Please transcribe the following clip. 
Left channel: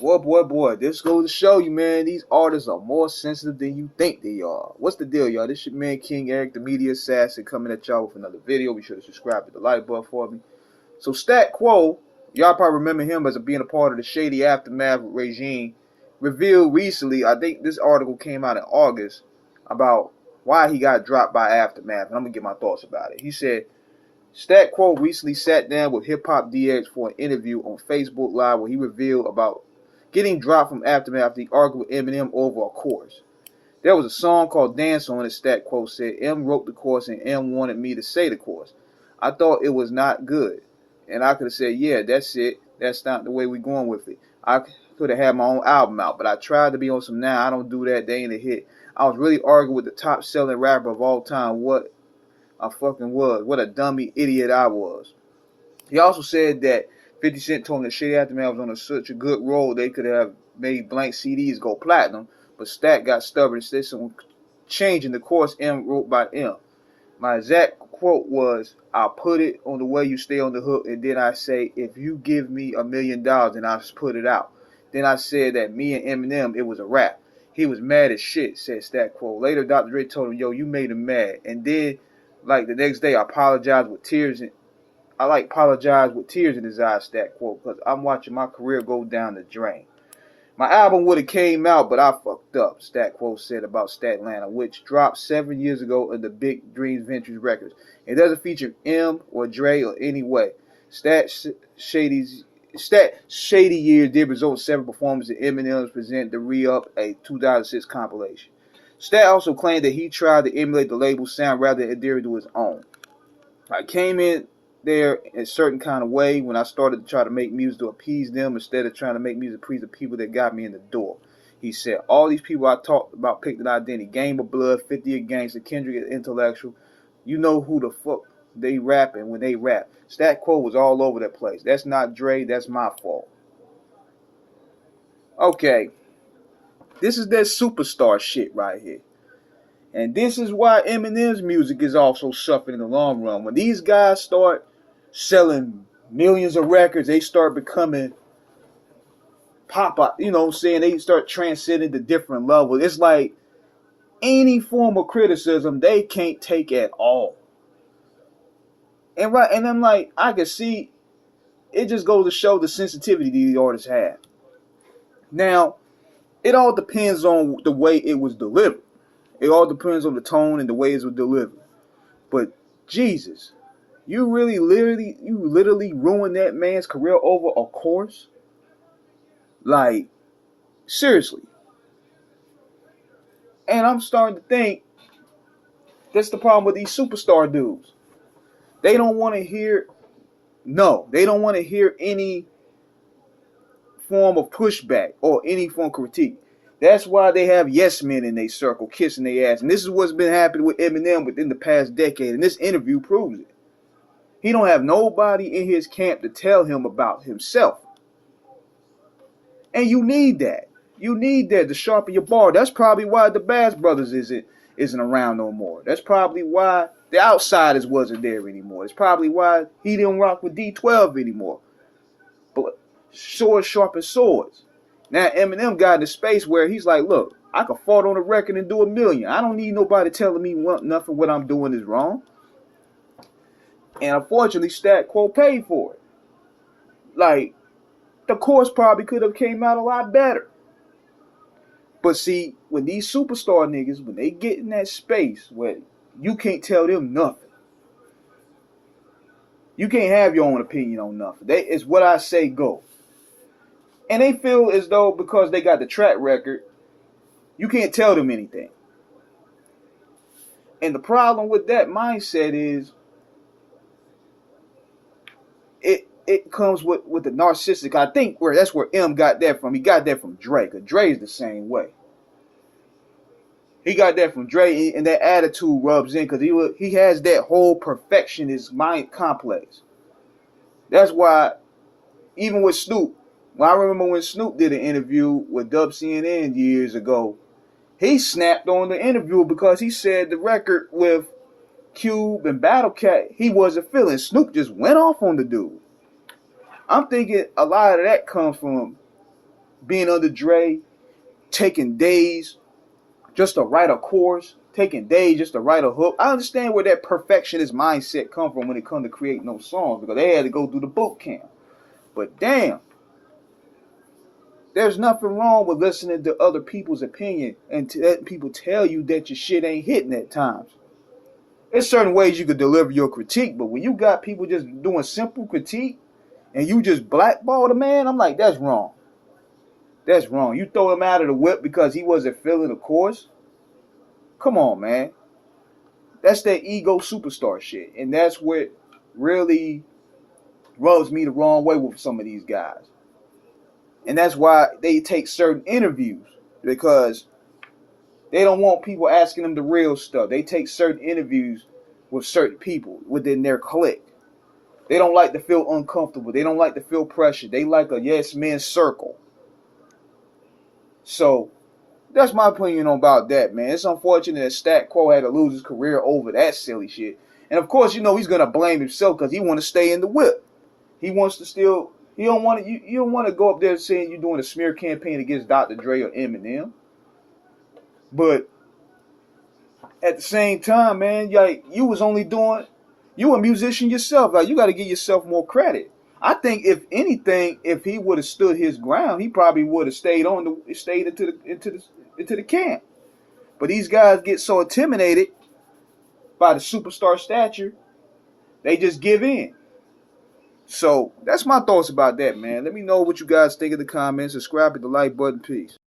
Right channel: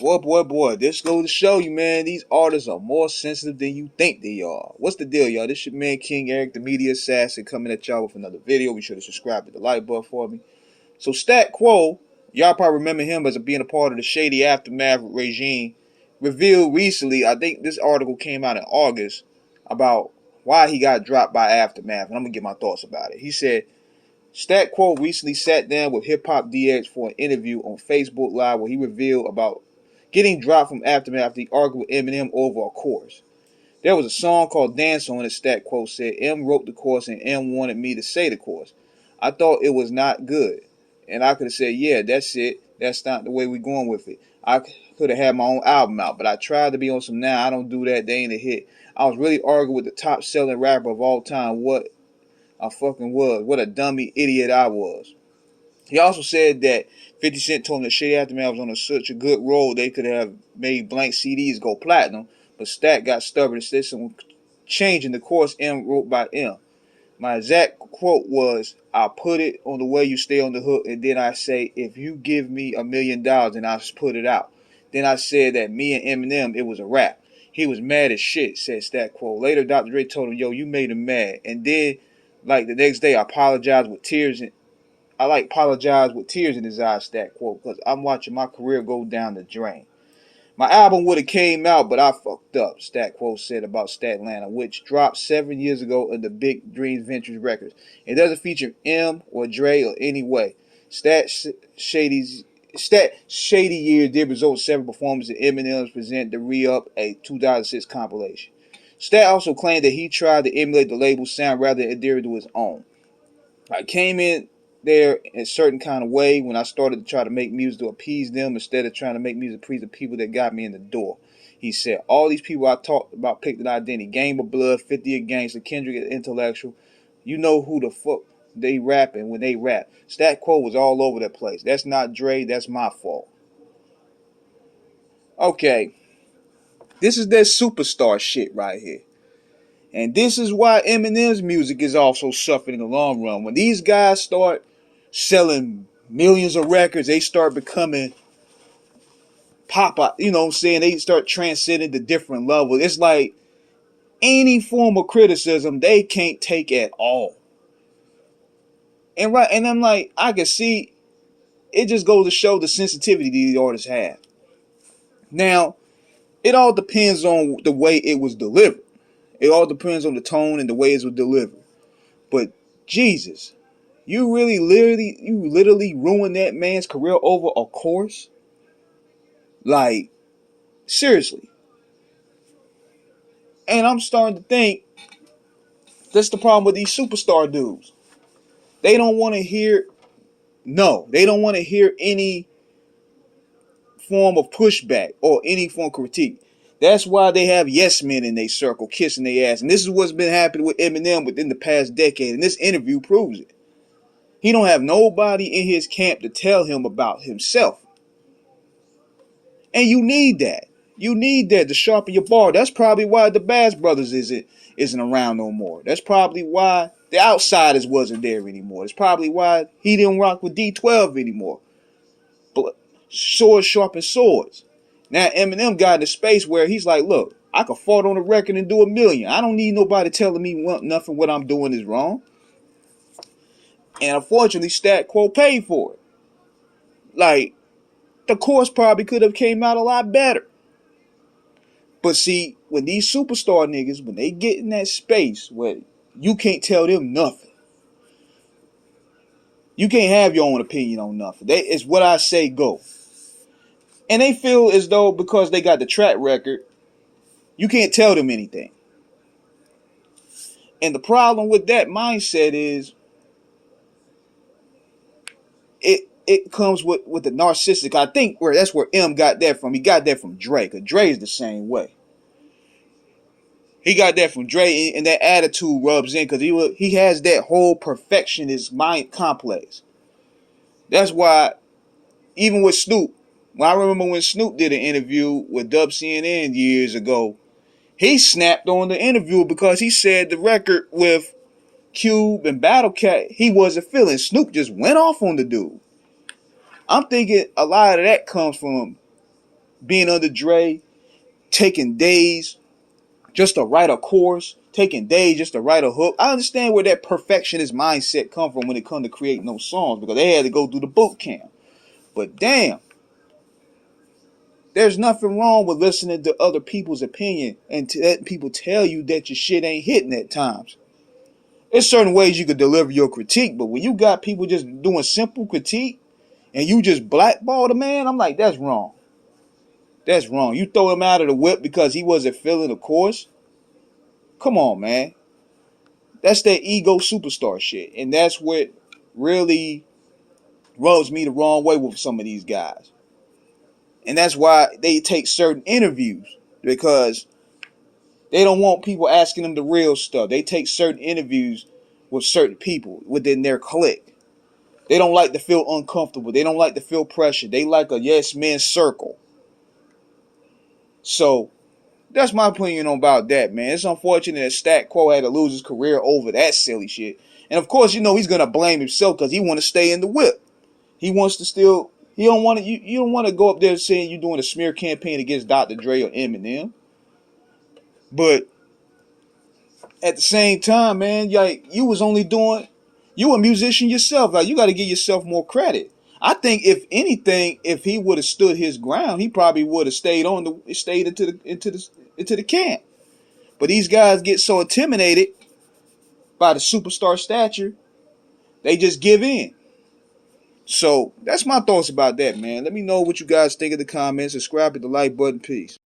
Boy, this goes to show you, man, these artists are more sensitive than you think they are. What's the deal, y'all? This your man, King Eric, the media assassin, coming at y'all with another video. Be sure to subscribe, hit the like button for me. So, Stat Quo, y'all probably remember him as being a part of the shady Aftermath regime, revealed recently, I think this article came out in August, about why he got dropped by Aftermath, and I'm going to get my thoughts about it. He said, Stat Quo recently sat down with Hip Hop DX for an interview on Facebook Live where he revealed about getting dropped from Aftermath after he argued with Eminem over a chorus. There was a song called Dance on it, Stat Quo said. M wrote the chorus and M wanted me to say the chorus. I thought it was not good. And I could have said, yeah, that's it. That's not the way we're going with it. I could have had my own album out, but I tried to be on some now. I don't do that. They ain't a hit. I was really arguing with the top selling rapper of all time. What I fucking was. What a dummy idiot I was. He also said that 50 Cent told him that Shady Aftermath was on such a good roll they could have made blank CDs go platinum, but Stat got stubborn and said some changing the course M wrote by M. My exact quote was, I'll put it on the way you stay on the hook, and then I say, if you give me $1,000,000, then I'll put it out. Then I said that me and Eminem, it was a rap. He was mad as shit, said Stat Quo. Later, Dr. Dre told him, yo, you made him mad. And then, like the next day, I apologized with tears and apologize with tears in his eyes, Stat Quo, because I'm watching my career go down the drain. My album would have came out, but I fucked up, Stat Quo said about Statlanta, which dropped 7 years ago in the Big Dreams Ventures Records. It doesn't feature M or Dre or any way. Stat Shady Years did result in 7 performances in Eminem's Present the Re-Up, a 2006 compilation. Stat also claimed that he tried to emulate the label's sound rather than adhere to his own. I came in there in a certain kind of way when I started to try to make music to appease them instead of trying to make music to please the people that got me in the door. He said, all these people I talked about picked an identity. Game of Blood, 50 a Gangster, Kendrick an Intellectual. You know who the fuck they rapping when they rap. Stat Quo was all over that place. That's not Dre, that's my fault. Okay, this is that superstar shit right here. And this is why Eminem's music is also suffering in the long run. When these guys start selling millions of records, they start becoming pop up. You know what I'm saying? They start transcending to different levels. It's like any form of criticism they can't take at all. And I'm like, I can see it just goes to show the sensitivity these artists have. Now, it all depends on the way it was delivered. It all depends on the tone and the way it was delivered. But Jesus, you literally ruined that man's career over a course? Like, seriously. And I'm starting to think that's the problem with these superstar dudes. They don't want to hear, no, they don't want to hear any form of pushback or any form of critique. That's why they have yes men in their circle kissing their ass. And this is what's been happening with Eminem within the past decade. And this interview proves it. He don't have nobody in his camp to tell him about himself. And you need that. You need that to sharpen your bar. That's probably why the Bass Brothers isn't around no more. That's probably why the Outsiders wasn't there anymore. That's probably why he didn't rock with D12 anymore. But swords sharpen swords. Now Eminem got in a space where he's like, look, I can fart on a record and do a million. I don't need nobody telling me nothing what I'm doing is wrong. And unfortunately, Stat Quo paid for it. Like, the course probably could have came out a lot better. But see, when these superstar niggas, when they get in that space where you can't tell them nothing, you can't have your own opinion on nothing. It's what I say, go. And they feel as though because they got the track record, you can't tell them anything. And the problem with that mindset is it comes with the narcissistic. I think that's where M got that from. He got that from Dre, because Dre is the same way. He got that from Dre, and that attitude rubs in because he has that whole perfectionist mind complex. That's why, even with Snoop, I remember when Snoop did an interview with Dub CNN years ago, he snapped on the interview because he said the record with Cube and Battle Cat, he wasn't feeling. Snoop just went off on the dude. I'm thinking a lot of that comes from being under Dre, taking days just to write a chorus, taking days just to write a hook. I understand where that perfectionist mindset come from when it comes to creating those songs, because they had to go through the boot camp. But damn, there's nothing wrong with listening to other people's opinion and to let people tell you that your shit ain't hitting at times. There's certain ways you could deliver your critique, but when you got people just doing simple critique and you just blackball the man, I'm like, that's wrong. That's wrong. You throw him out of the whip because he wasn't feeling the course? Come on, man. That's that ego superstar shit. And that's what really rubs me the wrong way with some of these guys. And that's why they take certain interviews, because they don't want people asking them the real stuff. They take certain interviews with certain people within their clique. They don't like to feel uncomfortable. They don't like to feel pressure. They like a yes man circle. So that's my opinion about that, man. It's unfortunate that Stat Quo had to lose his career over that silly shit. And of course, you know he's gonna blame himself because he want to stay in the whip. He wants to still. He don't want to. You don't want to go up there saying you're doing a smear campaign against Dr. Dre or Eminem. But at the same time, man, like you was only doing. You a musician yourself. Like you got to give yourself more credit. I think if anything, if he would have stood his ground, he probably would have stayed into the camp. But these guys get so intimidated by the superstar stature, they just give in. So that's my thoughts about that, man. Let me know what you guys think in the comments. Subscribe, hit the like button. Peace.